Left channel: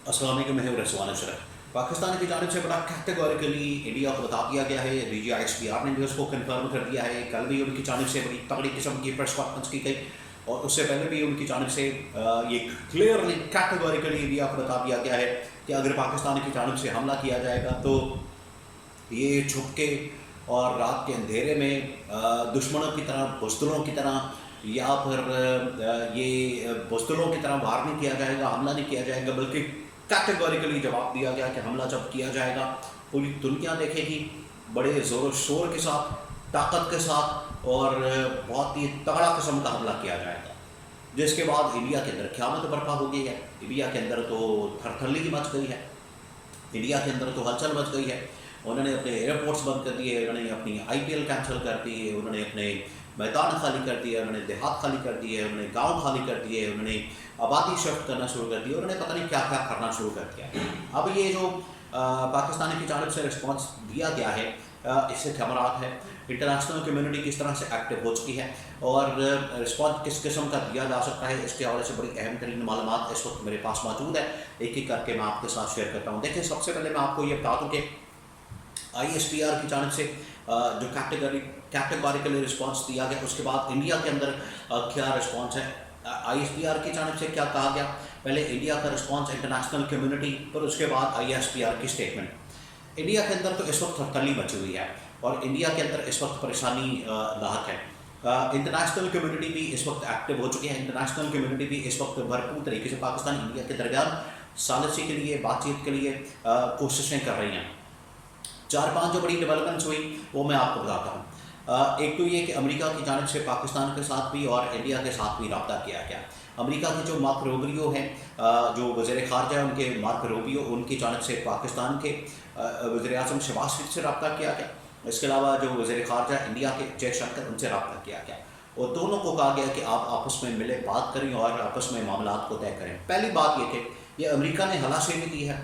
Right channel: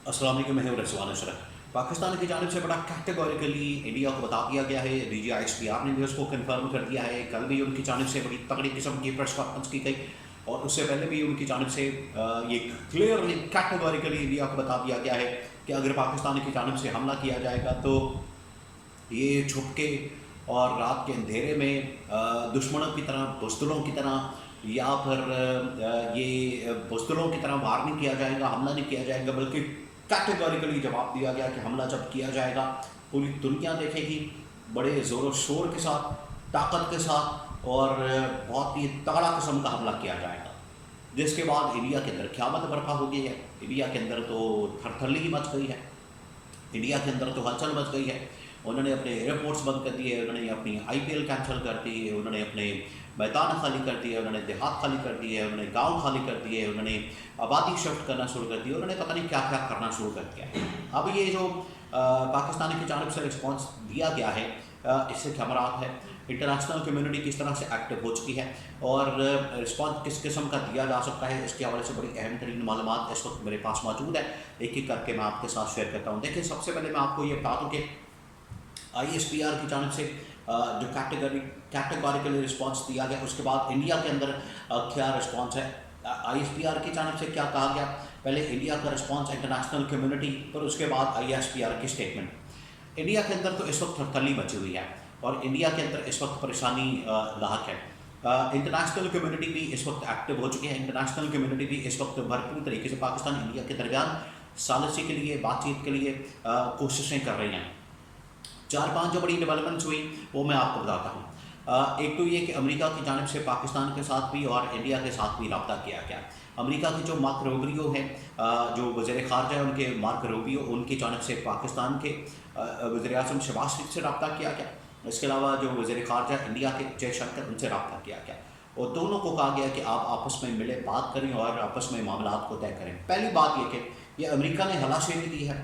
अस्सलाम वालेकुम, मैं हूं रज़वान अशरफ। पाकिस्तान की जानिब से बड़ा कैटेगोरिकली इंडिया को बता दिया गया है। DGISPR ने भी उसको कन्फर्म कर दिया है। कल भी उनकी जानिब से बड़ी तगड़ी किस्म की प्रेस कॉन्फ्रेंस की गई और उससे पहले भी उनकी जानिब से ये क्लियरली कैटेगोरिकली इंडिया को बता दिया गया है कि अगर पाकिस्तान की जानिब से हमला किया जाएगा तो ये छुप के और रात के अंधेरे में दुश्मनों की तरह, बुज़दिलों की तरह या फिर ये बुज़दिलों की तरह वार नहीं किया जाएगा, हमला नहीं किया जाएगा, बल्कि कैटेगोरिकली जवाब दिया गया कि हमला जब किया जाएगा पूरी दुनिया देखेगी, बड़े ज़ोर शोर के साथ, ताकत के साथ और बहुत ही तगड़ा किस्म का हमला किया जाएगा। जिसके बाद इंडिया के अंदर क़यामत बर्पा हो गई है। इंडिया के अंदर तो थरथल्ली मच गई है, इंडिया के अंदर तो हलचल मच गई है। उन्होंने अपने एयरपोर्ट्स बंद कर दिए, उन्होंने अपनी IPL कैंसिल कर दी, उन्होंने अपने मैदान खाली कर दिए, उन्होंने देहात खाली कर दिए, उन्होंने गांव खाली कर दिए, उन्होंने आबादी शिफ्ट करना शुरू कर दी, उन्होंने पता नहीं क्या क्या करना शुरू कर दिया। अब ये जो पाकिस्तान की जानिब से रिस्पॉन्स दिया गया है, इससे ख़बरात है इंटरनेशनल कम्युनिटी किस तरह से एक्टिव हो चुकी है और रिस्पॉन्स किस किस्म का दिया जा सकता है, इसके हवाले से बड़ी अहम तरीन मालूमात इस वक्त मेरे पास मौजूद है। एक एक करके मैं आपके साथ शेयर करता हूँ। देखिए, सबसे पहले मैं आपको ये बता दूँ कि ISPR की जानिब से जो कैटेगोरिकली रिस्पॉन्स दिया गया, उसके बाद इंडिया के अंदर क्या रिस्पॉन्स है। ISPR की जानिब से क्या कहा गया, पहले इंडिया का रिस्पॉन्स इंटरनेशनल कम्युनिटी, पर उसके बाद ISPR की स्टेटमेंट। इंडिया के अंदर तो इस वक्त थरथल्ली मची हुई है और इंडिया के अंदर इस वक्त परेशानी लाहक है। इंटरनेशनल कम्युनिटी भी इस वक्त एक्टिव हो चुकी है। इंटरनेशनल कम्युनिटी भी इस वक्त भरपूर तरीके से पाकिस्तान इंडिया के दरमियान सालिसी के लिए, बातचीत के लिए कोशिशें कर रही हैं। 4-5 जो बड़ी डेवलपमेंट्स हुई वो मैं आपको बताता हूँ। एक तो ये कि अमेरिका की जानिब से पाकिस्तान के साथ भी और इंडिया के साथ भी रब्ता किया गया। अमेरिका की जो मार्क रूबियो हैं, जो वज़ीर ख़ारजा है उनके, मार्क रूबियो, उनकी जानिब से पाकिस्तान के वज़ीर-ए-आज़म शहबाज शरीफ से रब्ता किया गया। इसके अलावा जो वज़ीर ख़ारजा इंडिया के जयशंकर, उनसे रब्ता किया गया और दोनों को कहा गया कि आप आपस में मिले, बात करें और आपस में मामलात को तय करें। पहली बात ये कि ये अमेरिका ने हलाशेवी दी है,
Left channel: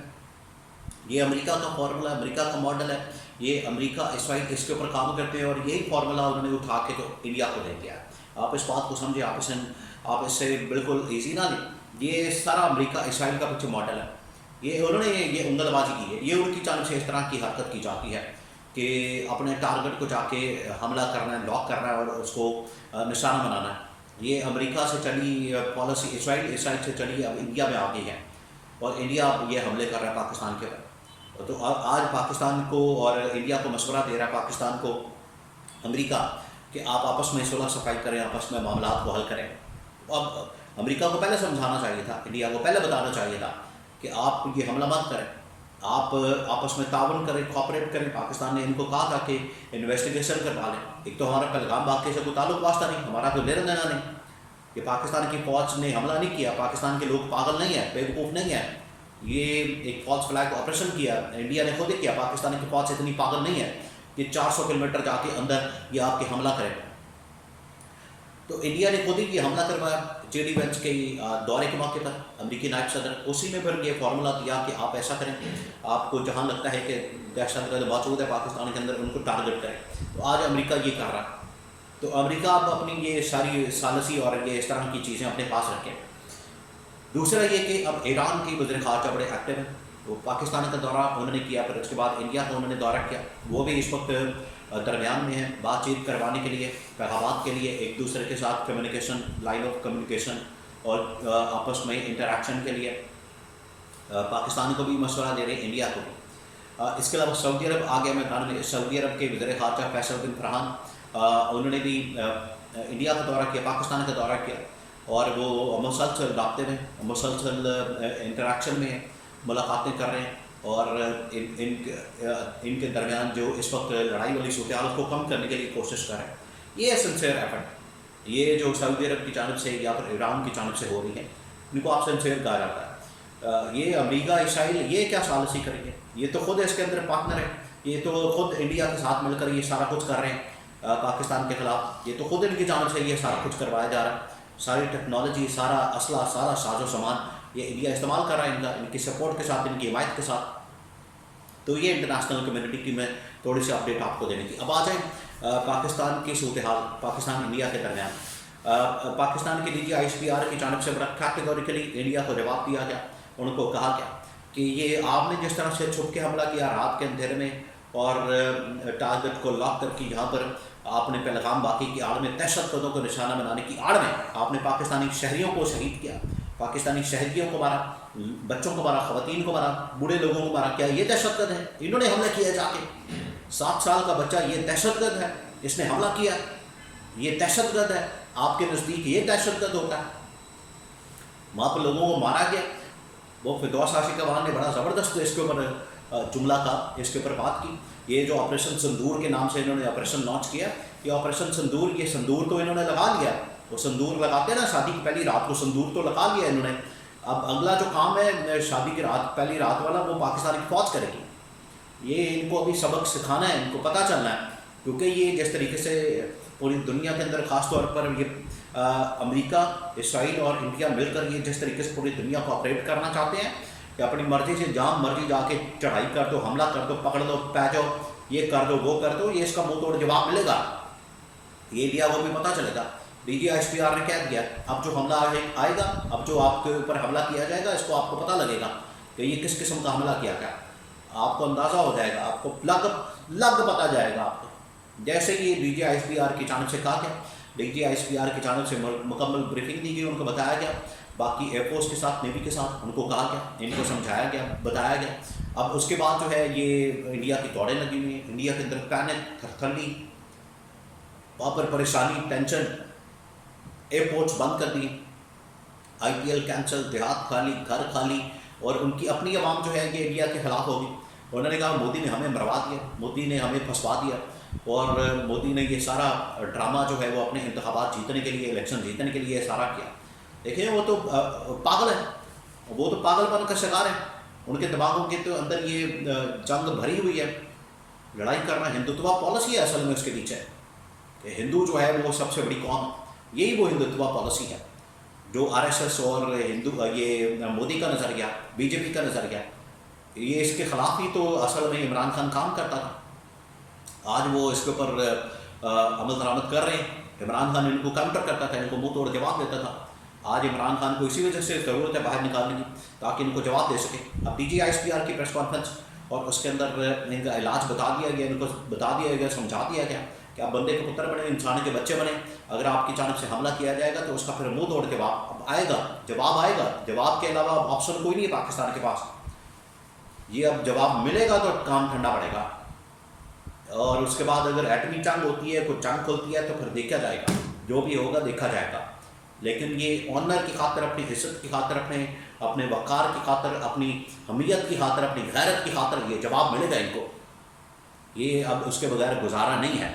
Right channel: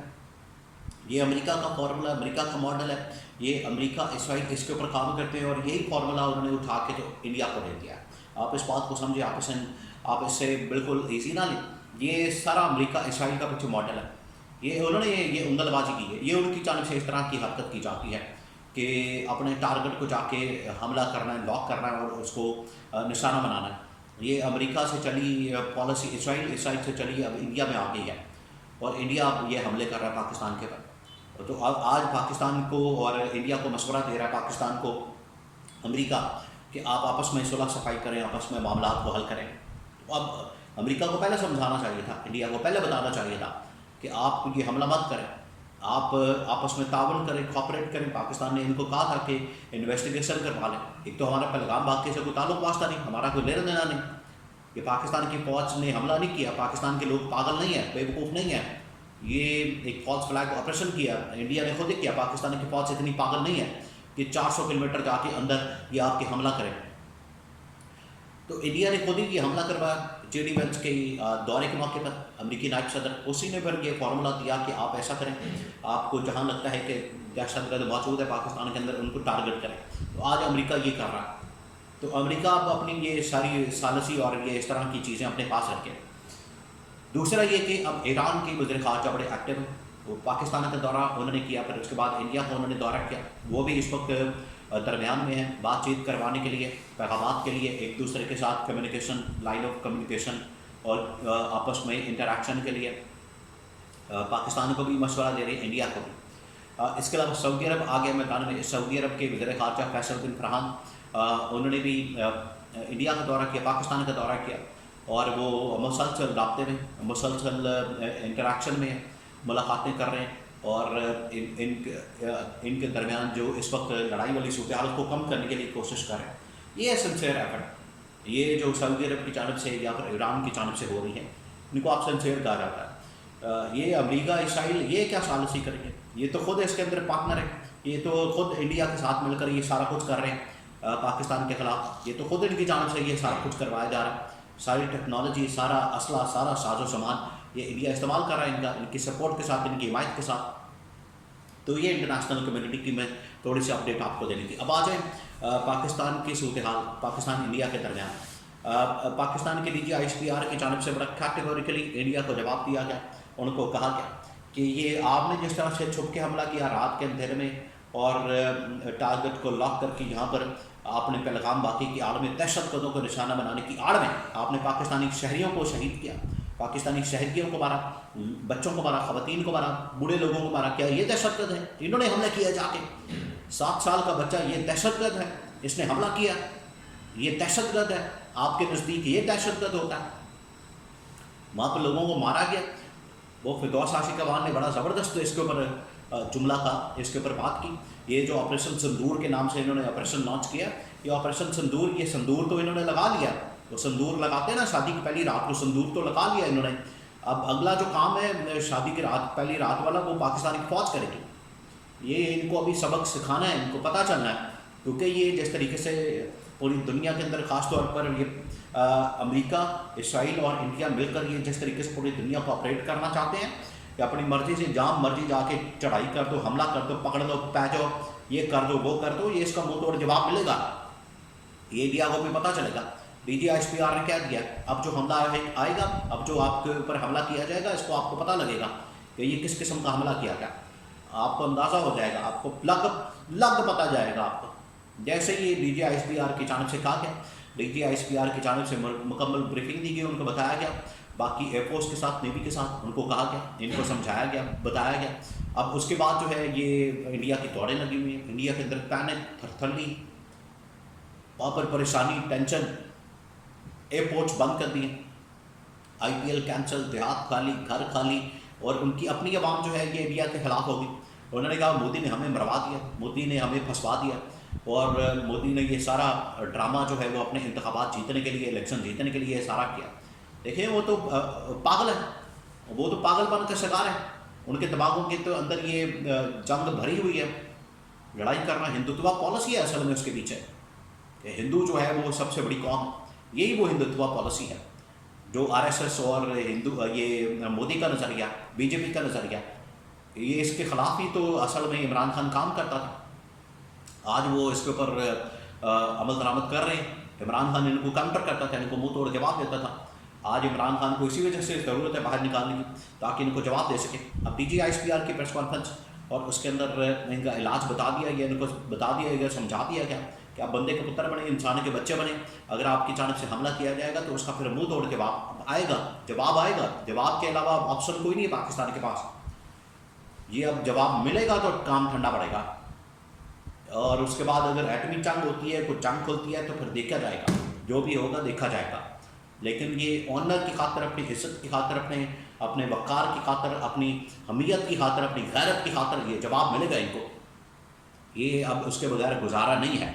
ये अमेरिका का फार्मूला, अमेरिका का मॉडल है, ये अमेरिका इस वाइट इसके ऊपर काम करते हैं और यही फार्मूला उन्होंने उठा के तो इंडिया को दे दिया है। आप इस बात को समझे, आप इससे बिल्कुल ईजी ना लें। ये सारा अमेरिका इसराइल का पीछे मॉडल है। ये उन्होंने ये उंगलबाजी की है, ये उनकी जानिब से इस तरह की हरकत की जाती है कि अपने टारगेट को जाके हमला करना है, लॉक करना है और उसको निशाना बनाना है। ये अमेरिका से चली पॉलिसी इसराइल से चली, अब इंडिया में आ गई है और इंडिया अब ये हमले कर रहा है पाकिस्तान के ऊपर। तो आज पाकिस्तान को और इंडिया को मशवरा दे रहा है पाकिस्तान को अमेरिका कि आप आपस में सुलह सफाई करें, आपस में मामलात को हल करें। अब अमेरिका को पहले समझाना चाहिए था, इंडिया को पहले बताना चाहिए था कि आप ये हमला मत करें, आप आपस में तावन करें, कोऑपरेट करें। पाकिस्तान ने इनको कहा था कि इन्वेस्टिगेशन करवा लें। एक तो हमारा पहलगाम वाक़े से कोई ताल्लुक़ वास्ता नहीं, हमारा कोई लेना देना नहीं। कि पाकिस्तान की फ़ौज ने हमला नहीं किया, पाकिस्तान के लोग पागल नहीं हैं, बेवकूफ़ नहीं हैं। ये एक फॉल्स फ्लैग ऑपरेशन किया, इंडिया ने खुद ही किया। पाकिस्तान की फ़ौज इतनी पागल नहीं है कि 400 किलोमीटर जाके अंदर ये आपके हमला करें। तो इंडिया ने खुद ही ये हमला करवाया JD वेंस के दौरे के मौके पर, अमेरिकी नायब सदर, उसी ने फिर ये फार्मूला दिया कि आप ऐसा करें, आपको जहाँ लगता है कि दहशतगर्द मौजूद है पाकिस्तान के अंदर, उनको टारगेट करें। तो आज अमेरिका ये कर रहा है। तो अमेरिका अब अपनी ये सारी सालसी और ये इस तरह की चीज़ें अपने पास रखें। दूसरा ये कि अब ईरान के वज़ीर ख़ारजा बड़े एक्टिव हैं, वो पाकिस्तान का दौरा उन्होंने किया, फिर उसके बाद इंडिया का उन्होंने दौरा किया। वो भी इस वक्त दरमियान में है बातचीत करवाने के लिए, पैगामात के लिए, एक दूसरे के साथ कम्युनिकेशन, लाइन ऑफ कम्युनिकेशन और आपस में इंटरेक्शन के लिए पाकिस्तान को भी मशवरा दे रहे हैं, इंडिया को भी। इसके अलावा सऊदी अरब आ गया मैदान में। सऊदी अरब के वज़ीर ख़ारजा फैसल बिन फरहान, उन्होंने भी इंडिया का दौरा किया, पाकिस्तान का दौरा किया और वो मुसलसल राब्ते में, मुसलसल इंटरेक्शन में है, मुलाकातें कर रहे हैं और इनके दरमियान जो इस वक्त लड़ाई वाली सूरत हाल उसको कम करने के लिए कोशिश कर रहे हैं। ये सिंसियर एफर्ट, ये जो सऊदी अरब की जानिब से या फिर ईरान की जानिब से हो रही है, इनको आप सिंसियर कहा जाता है। ये अमेरिका इसराइल ये क्या सालिसी करेंगे, ये तो खुद इसके अंदर पार्टनर है, ये तो खुद इंडिया के साथ मिलकर ये सारा कुछ कर रहे हैं पाकिस्तान के ख़िलाफ़। ये तो खुद इनकी जानिब से ये सारा कुछ करवाया जा रहा है। सारी टेक्नोलॉजी, सारा असला, सारा साजो सामान ये इंडिया इस्तेमाल कर रहा है, इनकी सपोर्ट के साथ, इनकी हिमायत के साथ। तो ये इंटरनेशनल कम्युनिटी की मैं थोड़ी सी अपडेट आपको देनी थी। अब आ जाए पाकिस्तान की सूरत हाल, पाकिस्तान इंडिया के दरमियान। पाकिस्तान की DGISPR की जानिब से बड़ा कैटेगोरिकली इंडिया को जवाब दिया गया ان کو کہا کیا کہ یہ آپ نے جس طرح سے چھپ کے حملہ کیا رات کے اندھیرے میں اور ٹارگٹ کو لاک کر کے یہاں پر آپ نے پیغام باقی کی آڑ میں دہشت گردوں کو نشانہ بنانے کی آڑ میں آپ نے پاکستانی شہریوں کو شہید کیا، پاکستانی شہریوں کو مارا، بچوں کو مارا، خواتین کو مارا، بوڑھے لوگوں کو مارا، کیا یہ دہشت گرد ہے؟ انہوں نے حملہ کیا جا کے 7 سال کا بچہ یہ دہشت گرد ہے، اس نے حملہ کیا، یہ دہشت گرد ہے؟ آپ کے نزدیک یہ دہشت گرد ہوتا ہے؟ وہاں پر لوگوں کو مارا گیا۔ وہ فردوس عاشق افغان نے بڑا زبردست اس کے اوپر جملہ کہا، اس کے اوپر بات کی، یہ جو آپریشن سندور کے نام سے انہوں نے آپریشن لانچ کیا، یہ آپریشن سندور، یہ سندور تو انہوں نے لگا لیا، وہ سندور لگاتے ہیں نا شادی کی پہلی رات کو، سندور تو لگا لیا انہوں نے۔ اب اگلا جو کام ہے شادی کی رات، پہلی رات والا، وہ پاکستان کی فوج کرے گی۔ یہ ان کو ابھی سبق سکھانا ہے، ان کو پتہ چلنا ہے، کیونکہ یہ جس طریقے سے پوری دنیا کے اندر خاص طور پر یہ امریکہ، اسرائیل اور انڈیا مل کر یہ جس طریقے سے پوری دنیا کو آپریٹ کرنا چاہتے ہیں کہ اپنی مرضی سے جہاں مرضی جا کے چڑھائی کر دو، حملہ کر دو، پکڑ دو، پہ جاؤ، یہ کر دو، وہ کر دو، یہ اس کا منہ توڑ جواب ملے گا، یہ انڈیا کو بھی پتہ چلے گا۔ DGISPR نے کہہ دیا اب جو حملہ آئے گا، اب جو آپ کے اوپر حملہ کیا جائے گا، اس کو آپ کو پتہ لگے گا کہ یہ کس قسم کا حملہ کیا گیا، آپ کو اندازہ ہو جائے گا، آپ کو لگ پتہ جائے گا آپ کو۔ جیسے یہ DGISPR کی جانب سے کہا گیا، DGISPR کی جانب سے مکمل بریفنگ دی گئی، ان کو بتایا گیا، باقی ایئر فورس کے ساتھ، نیوی کے ساتھ ان کو کہا گیا، ان کو سمجھایا گیا، بتایا گیا۔ اب اس کے بعد جو ہے یہ انڈیا کی دوڑیں لگی ہوئی ہیں، انڈیا کے اندر پینک، تھرتھلی، وہاں پر پریشانی، ٹینشن، ایئرپورٹس بند کر دیے، IPL کینسل، دیہات خالی، گھر خالی، اور ان کی اپنی عوام جو ہے یہ انڈیا کے خلاف ہوگی۔ انہوں نے کہا مودی نے ہمیں مروا دیا، مودی نے ہمیں پھنسوا دیا، اور مودی نے یہ سارا ڈرامہ جو ہے وہ اپنے انتخابات جیتنے کے لیے، الیکشن جیتنے کے لیے سارا کیا۔ دیکھیں وہ تو پاگل ہے، وہ تو پاگل پن کا شکار ہے، ان کے دماغوں کے تو اندر یہ جنگ بھری ہوئی ہے، لڑائی کرنا، ہندوتوا پالیسی ہے اصل میں اس کے پیچھے، کہ ہندو جو ہے وہ سب سے بڑی قوم ہے، یہی وہ ہندوتوا پالیسی ہے جو RSS اور یہ مودی کا نظریہ، BJP کا نظریہ، یہ اس کے خلاف ہی تو اصل میں عمران خان کام کرتا تھا۔ آج وہ اس کے اوپر عمل درآمد کر رہے ہیں، عمران خان ان کو کاؤنٹر کرتا تھا، ان کو منہ توڑ جواب دیتا تھا، آج عمران خان کو اسی وجہ سے ضرورت ہے باہر نکالنے کی تاکہ ان کو جواب دے سکے۔ اب DGISPR کی پریس کانفرنس، اور اس کے اندر ان کا علاج بتا دیا گیا، ان کو بتا دیا گیا، سمجھا دیا گیا کہ آپ بندے کے پتر بنے، انسان کے بچے بنے، اگر آپ کی جانب سے حملہ کیا جائے گا تو اس کا پھر منہ توڑ جواب آئے گا، جواب کے علاوہ اب آپشن کوئی نہیں ہے پاکستان کے پاس، یہ اب جواب ملے گا تو کام ٹھنڈا پڑے گا، اور اس کے بعد اگر ایٹمی جنگ ہوتی ہے، کوئی جنگ کھلتی ہے تو پھر دیکھا جائے گا، جو بھی ہوگا دیکھا جائے گا، لیکن یہ آنر کی خاطر، اپنی عزت کی خاطر، اپنے وقار کی خاطر، اپنی حمیت کی خاطر، اپنی غیرت کی خاطر یہ جواب ملے گا ان کو، یہ اب اس کے بغیر گزارا نہیں ہے۔